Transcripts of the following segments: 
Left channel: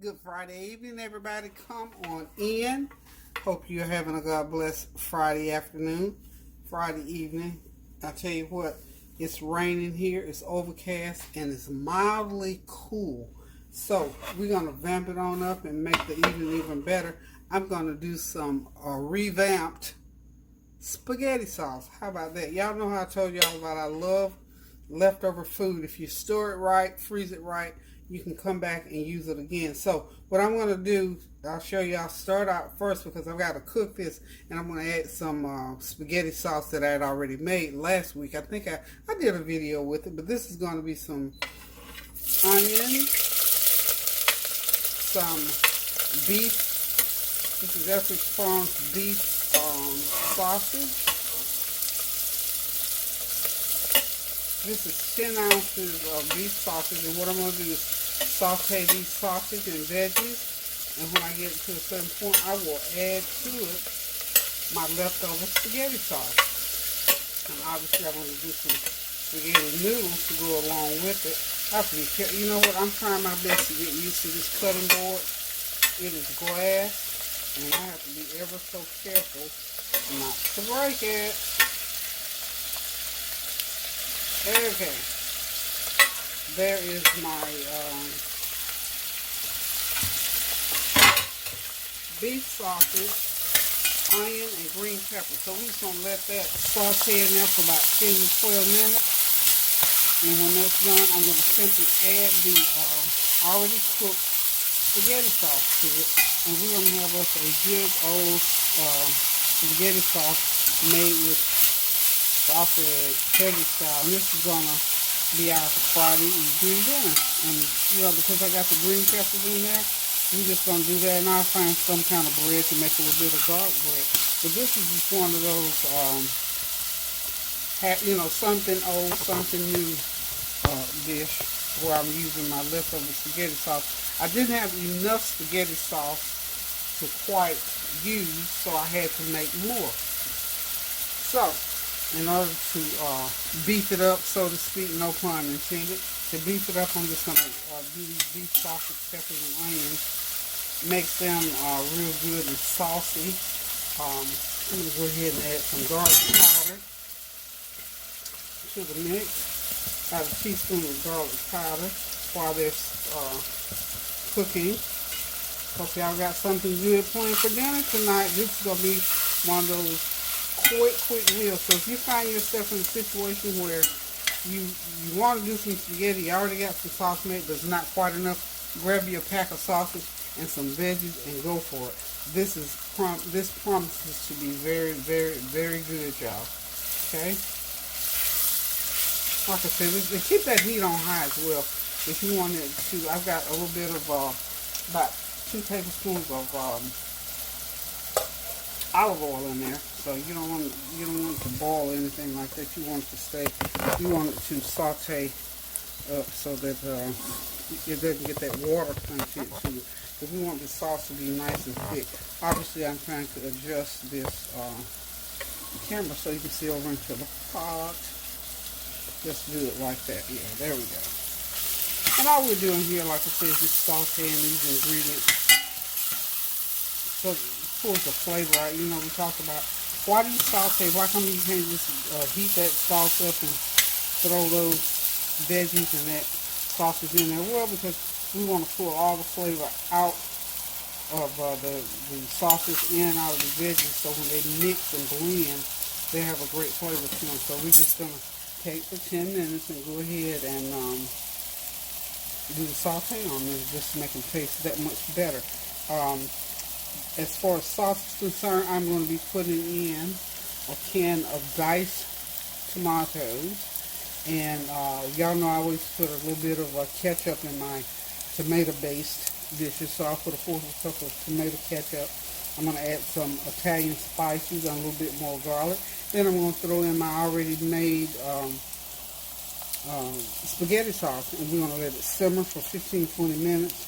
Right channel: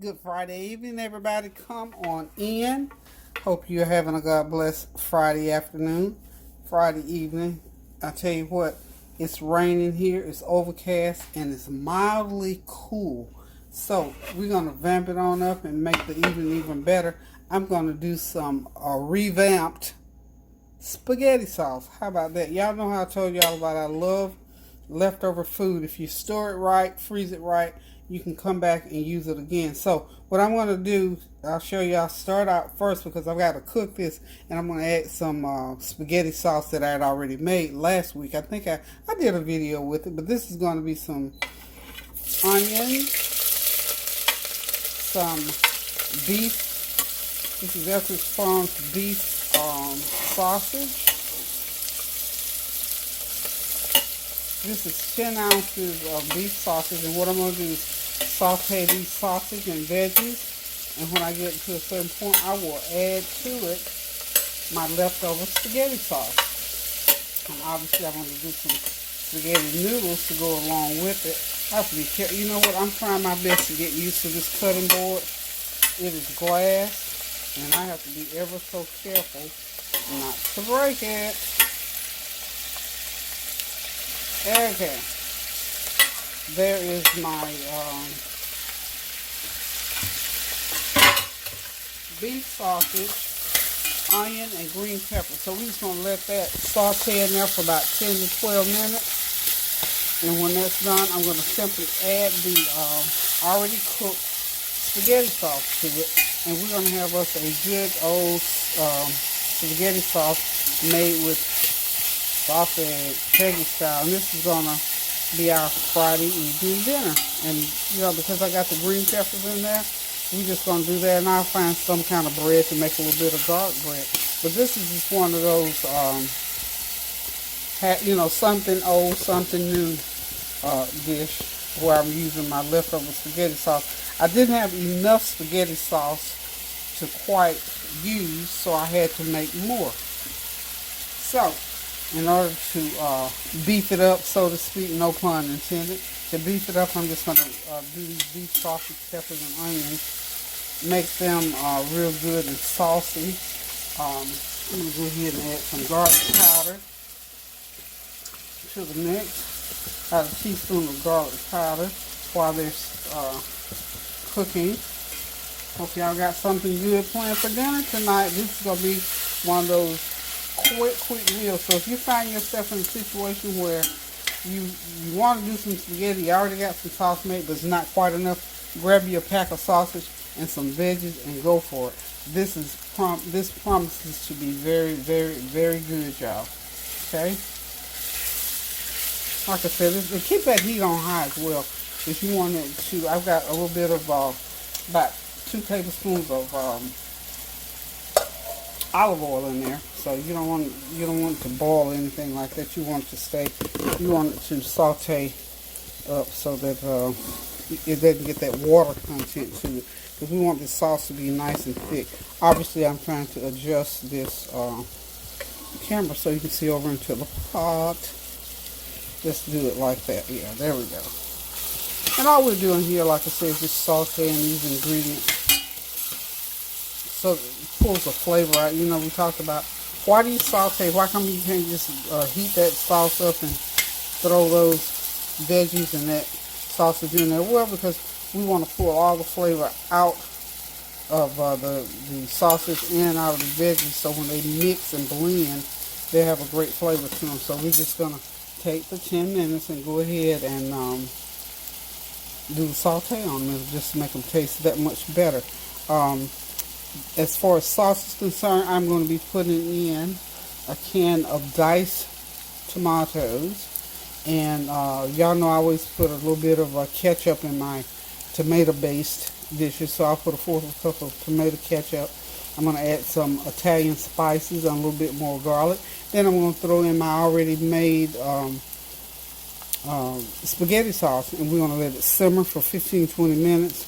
Good Friday evening, everybody. Come on in. Hope you're having a God bless Friday afternoon, Friday evening. I tell you what, it's raining here, it's overcast, and it's mildly cool. So we're going to vamp it on up and make the evening even better. I'm going to do some revamped spaghetti sauce. How about that? Y'all know how I told y'all about I love leftover food. If you store it right, freeze it right, you can come back and use it again. So what I'm going to do, I'll show you. I'll start out first because I've got to cook this, and I'm going to add some spaghetti sauce that I had already made last week. I think I did a video with it, but this is going to be some onion, some beef. This is Ethridge Farms beef sausage. This is 10 ounces of beef sausage, and what I'm going to do is saute these sausage and veggies, and when I get to a certain point, I will add to it my leftover spaghetti sauce. And obviously, I'm going to do some spaghetti noodles to go along with it. I have to be careful. You know what? I'm trying my best to get used to this cutting board. It is glass, and I have to be ever so careful not to break it. Okay, there is my beef sausage, onion, and green pepper. So we're just going to let that saute in there for about 10 to 12 minutes. And when that's done, I'm going to simply add the already cooked spaghetti sauce to it. And we're going to have us a good old spaghetti sauce made with sauteed Peggy style, and this is gonna be our Friday evening dinner. And you know, because I got the green peppers in there, we're just gonna do that, and I'll find some kind of bread to make a little bit of garlic bread. But this is just one of those, you know, something old, something new dish where I'm using my leftover spaghetti sauce. I didn't have enough spaghetti sauce to quite use, so I had to make more. So in order to beef it up, so to speak, no pun intended, to beef it up, I'm just going to do these beef sausage, peppers, and onions, make them real good and saucy. I'm going to go ahead and add some garlic powder to the mix. About a teaspoon of garlic powder while they're cooking. Hope y'all got something good planned for dinner tonight. This is going to be one of those quick meal. So if you find yourself in a situation where you want to do some spaghetti, you already got some sauce made, but it's not quite enough, grab you a pack of sausage and some veggies and go for it. This promises to be very good, y'all. Okay. Like I said, keep that heat on high as well. If you want it to, I've got a little bit of about 2 tablespoons of olive oil in there, so you don't want it to boil or anything like that. You want it to saute up so that it doesn't get that water content to it, because we want the sauce to be nice and thick. Obviously, I'm trying to adjust this camera so you can see over into the pot. Just do it like that. Yeah, there we go. And all we're doing here, like I said, is just sauteing these ingredients so it pulls the flavor out. You know, we talked about, why do you saute? Why come you can't just heat that sauce up and throw those veggies and that sausage in there? Well, because we want to pull all the flavor out of the sausage and out of the veggies, so when they mix and blend, they have a great flavor to them. So we're just going to take the 10 minutes and go ahead and do the saute on them just to make them taste that much better. As far as sauce is concerned, I'm going to be putting in a can of diced tomatoes. And y'all know I always put a little bit of ketchup in my tomato-based dishes. So I'll put a 1/4 cup of tomato ketchup. I'm going to add some Italian spices and a little bit more garlic. Then I'm going to throw in my already made spaghetti sauce. And we're going to let it simmer for 15-20 minutes.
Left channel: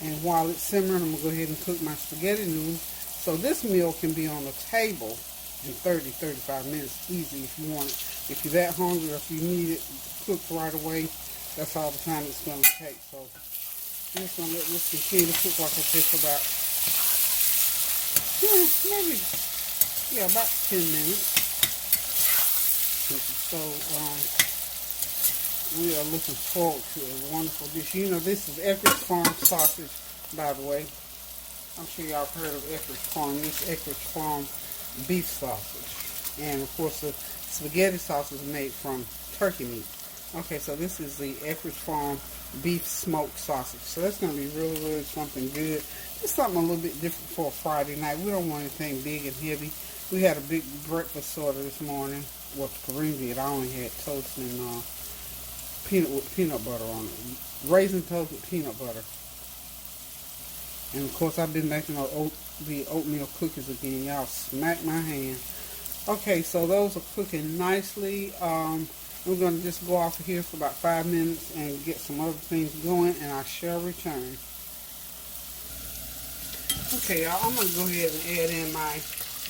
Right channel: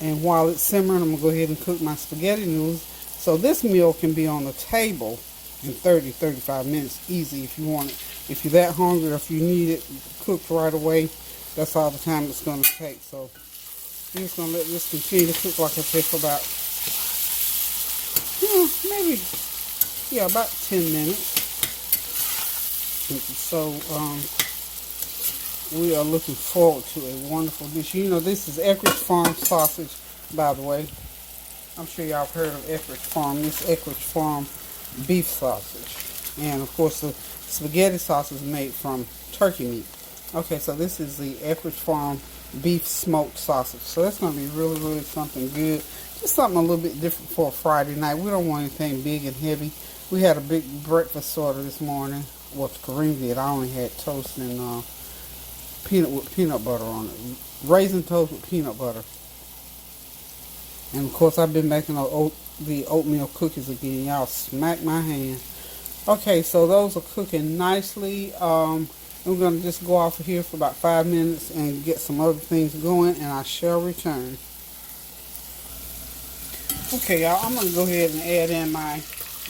And while it's simmering, I'm going to go ahead and cook my spaghetti noodles. So this meal can be on the table in 30-35 minutes easy if you want it. If you're that hungry or if you need it cooked right away, that's all the time it's going to take. So I'm just going to let this continue to cook, like I said, for about, maybe, yeah, about 10 minutes. So, we are looking forward to a wonderful dish. You know, this is Eckrich Farm sausage, by the way. I'm sure y'all have heard of Eckrich Farm. This is Eckrich Farm beef sausage. And, of course, the spaghetti sauce is made from turkey meat. Okay, so this is the Eckrich Farm beef smoked sausage. So that's going to be really, really something good. Just something a little bit different for a Friday night. We don't want anything big and heavy. We had a big breakfast sorter this morning. Well, Kareem did. I only had toast and peanut butter on it. Raisin toast with peanut butter. And of course, I've been making the oatmeal cookies again. Y'all smack my hand. Okay, so those are cooking nicely. We're going to just go off of here for about 5 minutes and get some other things going, and I shall return. Okay, y'all, I'm going to go ahead and add in my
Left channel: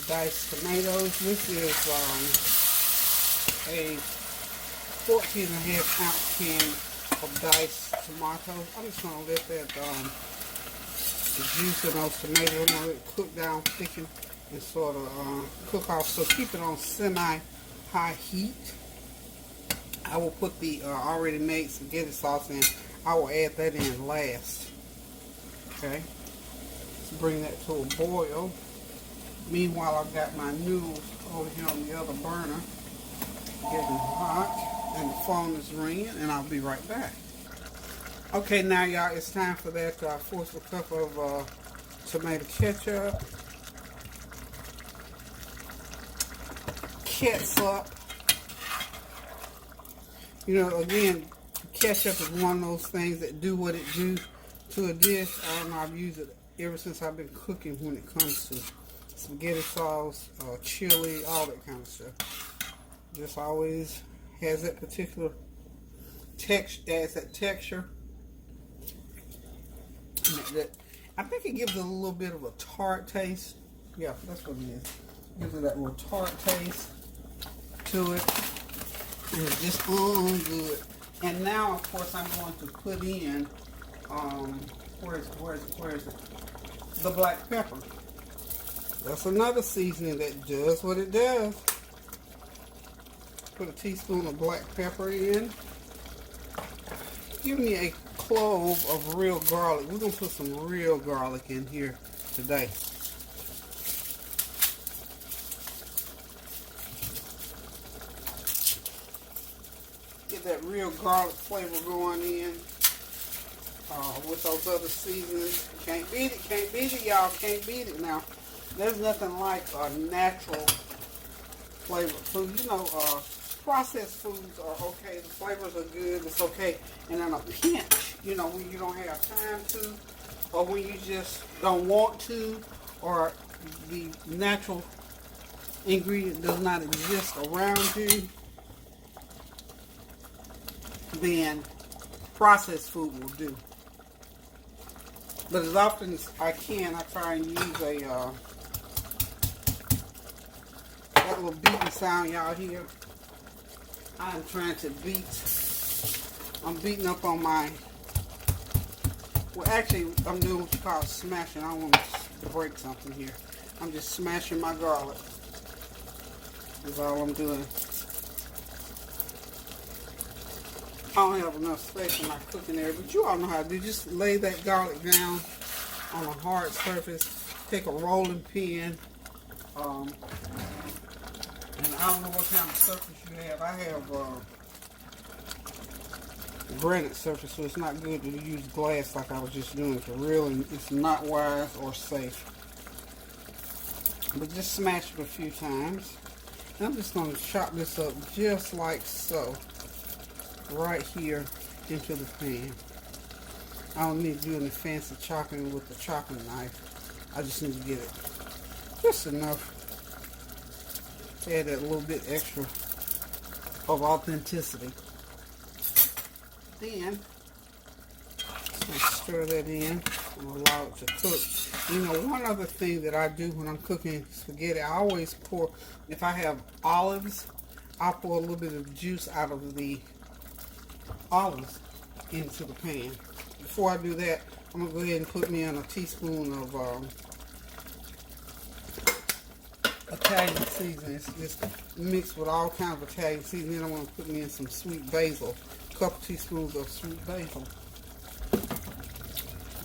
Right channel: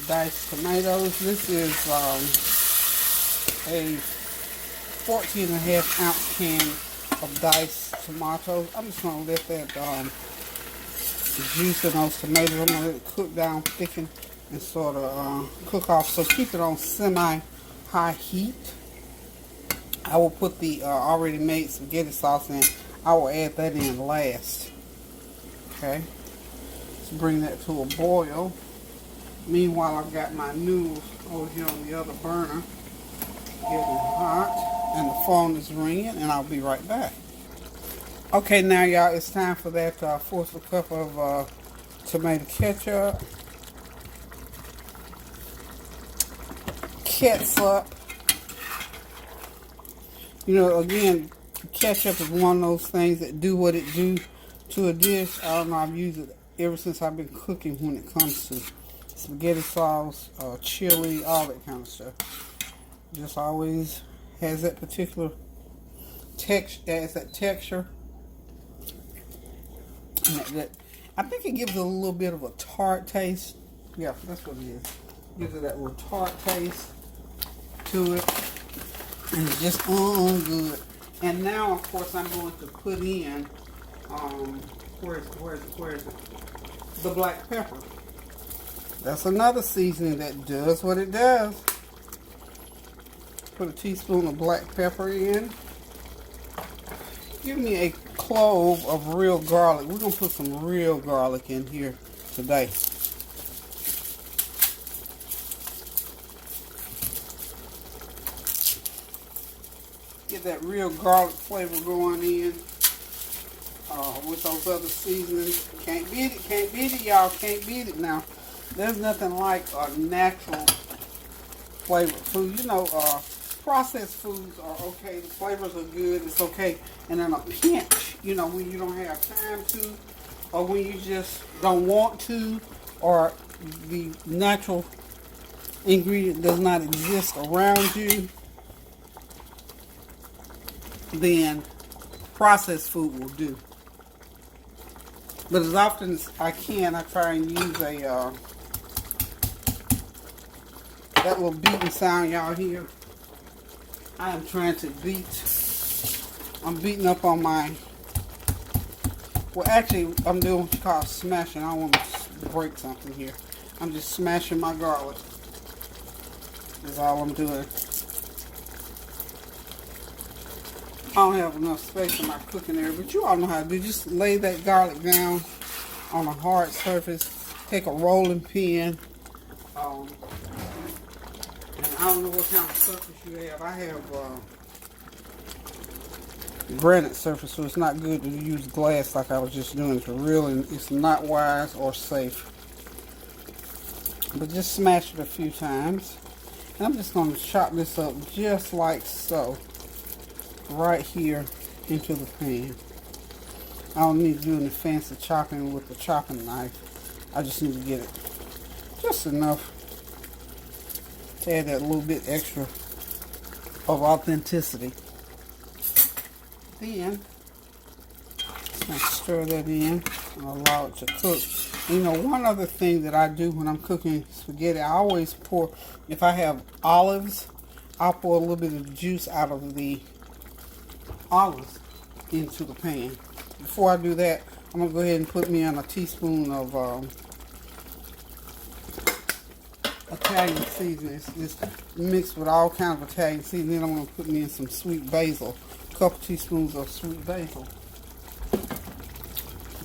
diced tomatoes. This is a 14.5 ounce can of diced tomatoes. I'm just going to let that the juice in those tomatoes, I'm going to let it cook down, thicken, and sort of cook off. So keep it on semi-high heat. I will put the already made spaghetti sauce in. I will add that in last. Okay. Let's bring that to a boil. Meanwhile, I've got my noodles over here on the other burner, getting hot, and the phone is ringing, and I'll be right back. Okay, now y'all, it's time for that fourth cup of tomato ketchup, ketchup. You know, again, ketchup is one of those things that do what it do to a dish. I don't know, I've used it ever since I've been cooking when it comes to spaghetti sauce, chili, all that kind of stuff. Just always has that particular adds that texture. And I think it gives it a little bit of a tart taste. Yeah, that's what it is. Gives it that little tart taste to it. And it's just good. And now, of course, I'm going to put in, where is it? The black pepper. That's another seasoning that does what it does. Put a teaspoon of black pepper in. Give me a clove of real garlic. We're going to put some real garlic in here today. Get that real garlic flavor going in with those other seasonings. Can't beat it, y'all. Can't beat it now. There's nothing like a natural flavored food. You know, processed foods are okay. The flavors are good. It's okay. And in a pinch, you know, when you don't have time to, or when you just don't want to, or the natural ingredient does not exist around you, then processed food will do. But as often as I can, I try and use that little beating sound y'all hear. I am trying to I'm beating up on my, well actually I'm doing what you call smashing. I don't want to break something here. I'm just smashing my garlic. That's all I'm doing. I don't have enough space in my cooking area, but you all know how to do. Just lay that garlic down on a hard surface. Take a rolling pin. And I don't know what kind of surface you have. I have granite surface, so it's not good to use glass like I was just doing. It's not wise or safe. But just smash it a few times. And I'm just going to chop this up just like so. Right here into the pan. I don't need to do any fancy chopping with the chopping knife. I just need to get it just enough to add that little bit extra of authenticity. Then I stir that in and allow it to cook. You know, one other thing that I do when I'm cooking spaghetti, I always pour, if I have olives, I'll pour a little bit of juice out of the olives into the pan. Before I do that, I'm going to go ahead and put me in a teaspoon of Italian seasoning. It's just mixed with all kinds of Italian seasoning. I'm going to put me in some sweet basil. A couple teaspoons of sweet basil.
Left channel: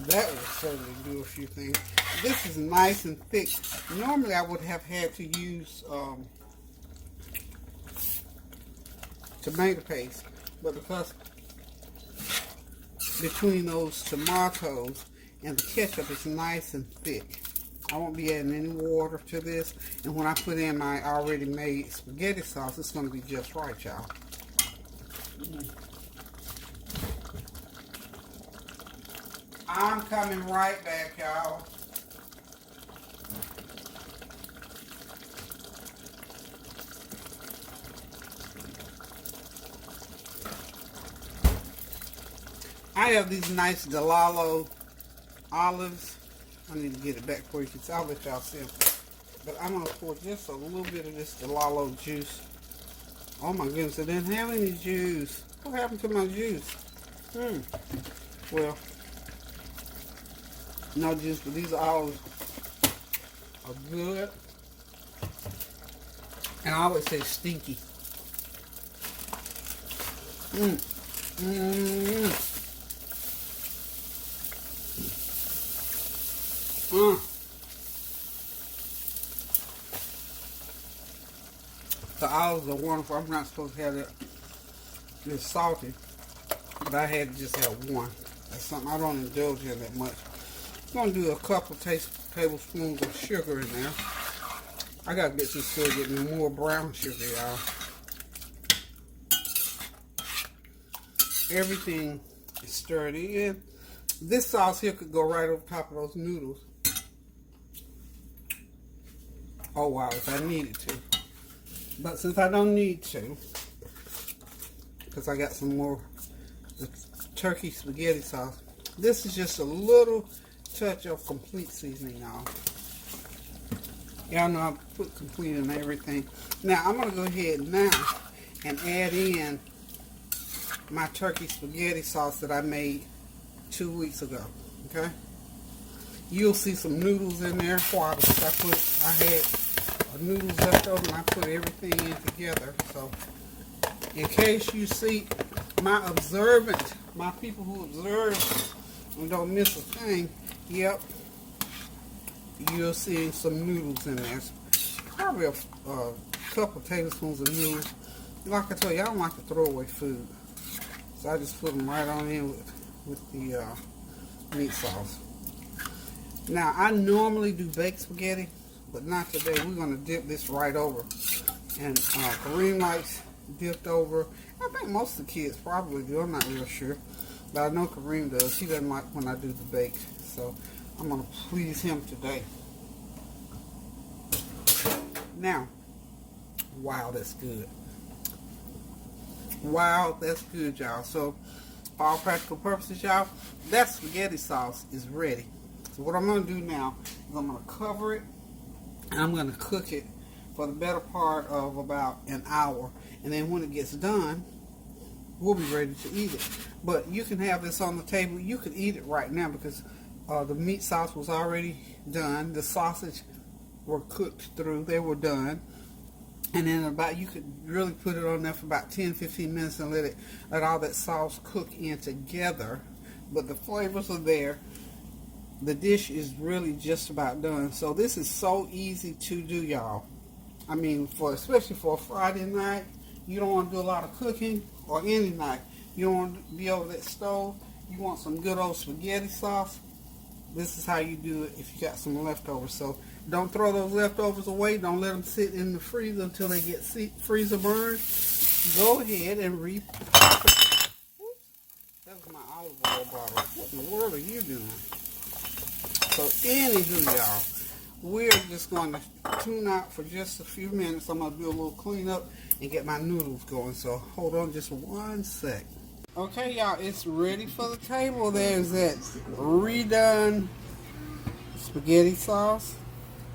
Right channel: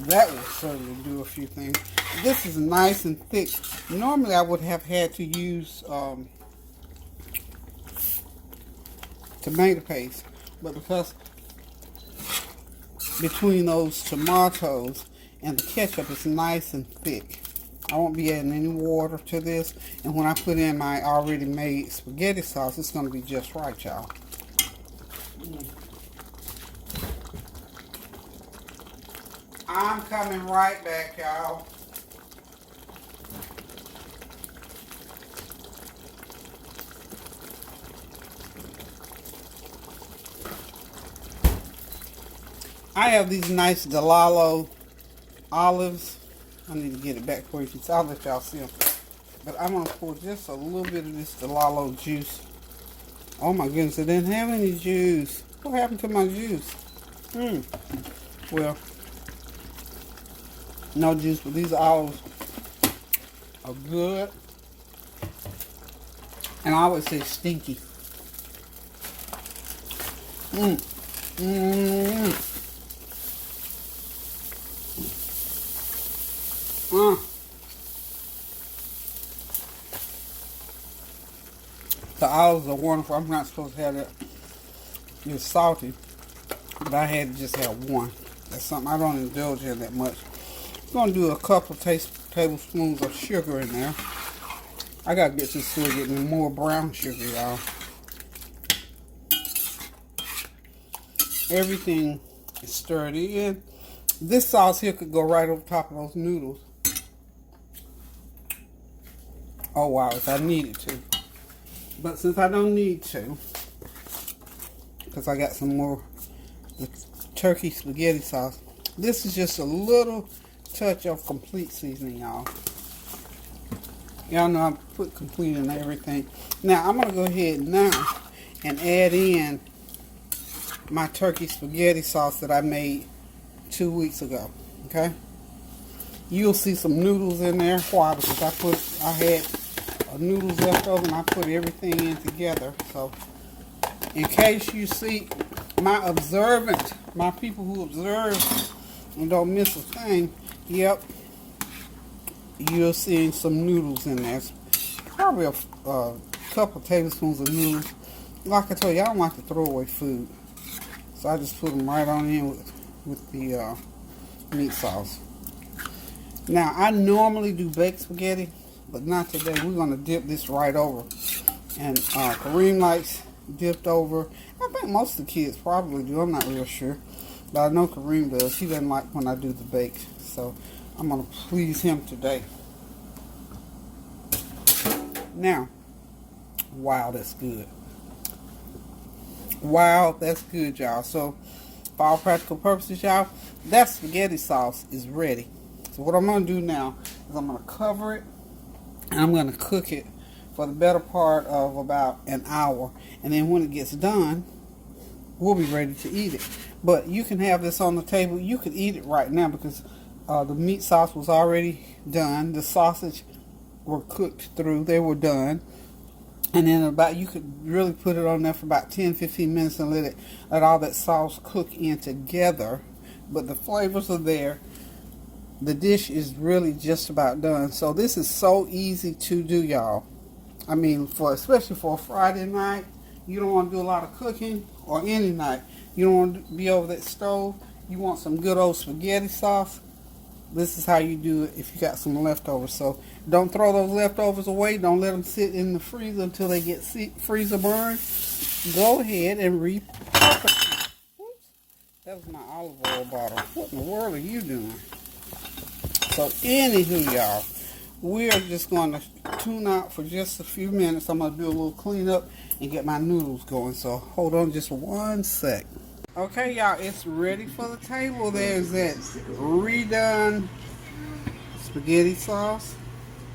That would certainly do a few things. This is nice and thick. Normally I would have had to use tomato paste, but because between those tomatoes and the ketchup, it's nice and thick. I won't be adding any water to this, and when I put in my already made spaghetti sauce, it's going to be just right, y'all. I'm coming right back, y'all. I have these nice Delalo olives. I need to get it back for you because I'll let y'all see them. But I'm going to pour just a little bit of this Delalo juice. Oh my goodness, it didn't have any juice. What happened to my juice? Well, no juice, but these olives are good. And I always say stinky. The olives are wonderful. I'm not supposed to have that. It's salty, but I had to just have one. That's something I don't indulge in that much. I'm going to do a couple tablespoons of sugar in there. I got to get this still getting more brown sugar, y'all. Everything is stirred in. This sauce here could go right over top of those noodles. Oh wow, if I needed to. But since I don't need to, because I got some more the turkey spaghetti sauce, this is just a little touch of complete seasoning, y'all. Y'all know I put complete in everything. Now I'm gonna go ahead now and add in my turkey spaghetti sauce that I made 2 weeks ago. Okay, you'll see some noodles in there. Why? Because I had noodles left over and I put everything in together. So in case you see my people who observe and don't miss a thing, yep, you're seeing some noodles in there. It's probably a couple tablespoons of noodles. Like I told you, I don't like to throw away food, so I just put them right on in with the meat sauce. Now I normally do baked spaghetti, but not today. We're going to dip this right over. And Kareem likes dipped over. I think most of the kids probably do. I'm not real sure. But I know Kareem does. He doesn't like when I do the baked. So I'm going to please him today. Now, wow, that's good. Wow, that's good, y'all. So for all practical purposes, y'all, that spaghetti sauce is ready. So what I'm going to do now is I'm going to cover it. And I'm going to cook it for the better part of about an hour. And then when it gets done, we'll be ready to eat it. But you can have this on the table. You could eat it right now because the meat sauce was already done. The sausage were cooked through. They were done. And then you could really put it on there for about 10-15 minutes and let all that sauce cook in together. But the flavors are there. The dish is really just about done. So this is so easy to do, y'all. I mean, especially for a Friday night, you don't want to do a lot of cooking, or any night. You don't want to be over that stove. You want some good old spaghetti sauce. This is how you do it if you got some leftovers. So don't throw those leftovers away. Don't let them sit in the freezer until they get freezer burned. Go ahead and repurpose it. Oops, that was my olive oil bottle. What in the world are you doing? So anywho, y'all, we are just going to tune out for just a few minutes. I'm going to do a little cleanup and get my noodles going. So hold on just 1 sec. Okay, y'all, it's ready for the table. There's that redone spaghetti sauce,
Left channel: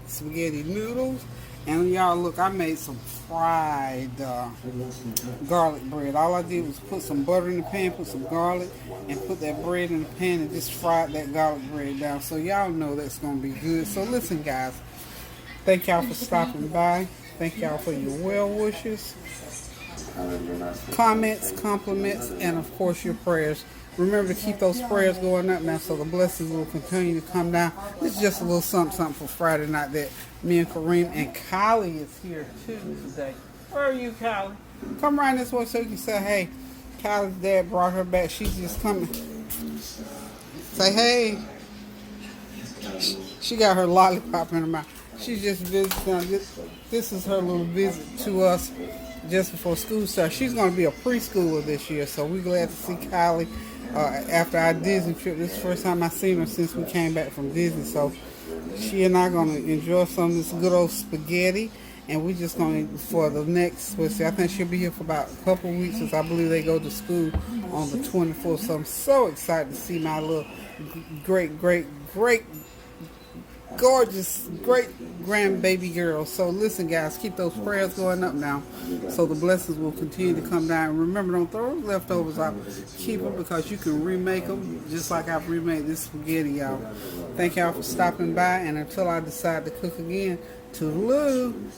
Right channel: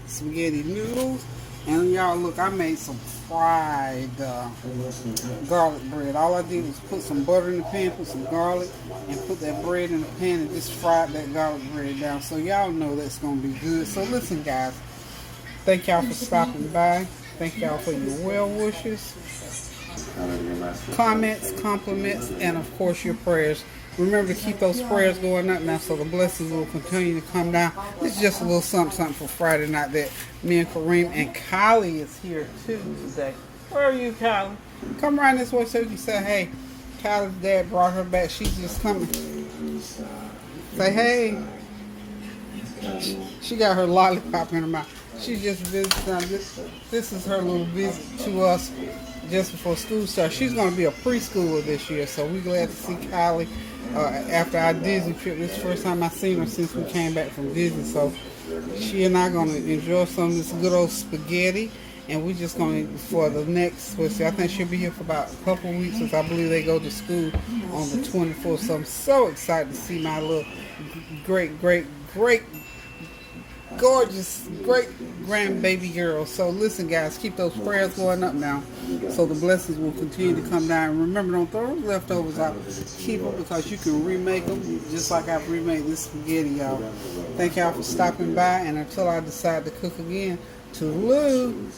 spaghetti noodles, And y'all look, I made some fried garlic bread. All I did was put some butter in the pan, put some garlic, and put that bread in the pan and just fried that garlic bread down. So y'all know that's going to be good. So listen, guys, thank y'all for stopping by. Thank y'all for your well wishes, comments, compliments, and of course your prayers. Remember to keep those prayers going up now so the blessings will continue to come down. This is just a little something for Friday night that me and Kareem and Kylie is here too today. Where are you, Kylie? Come around this way so you can say, hey, Kylie's dad brought her back. She's just coming. Say, hey. She got her lollipop in her mouth. She just visited. This is her little visit to us just before school starts. She's going to be a preschooler this year, so we're glad to see Kylie after our Disney trip. This is the first time I've seen her since we came back from Disney, so she and I are going to enjoy some of this good old spaghetti, and we're just going to, for the next, I think she'll be here for about a couple of weeks, since I believe they go to school on the 24th, so I'm so excited to see my little great, gorgeous, great grandbaby girl. So listen, guys, keep those prayers going up now so the blessings will continue to come down. Remember, don't throw leftovers out. Keep them because you can remake them just like I've remade this spaghetti, y'all. Thank y'all for stopping by, and until I decide to cook again, toodaloo.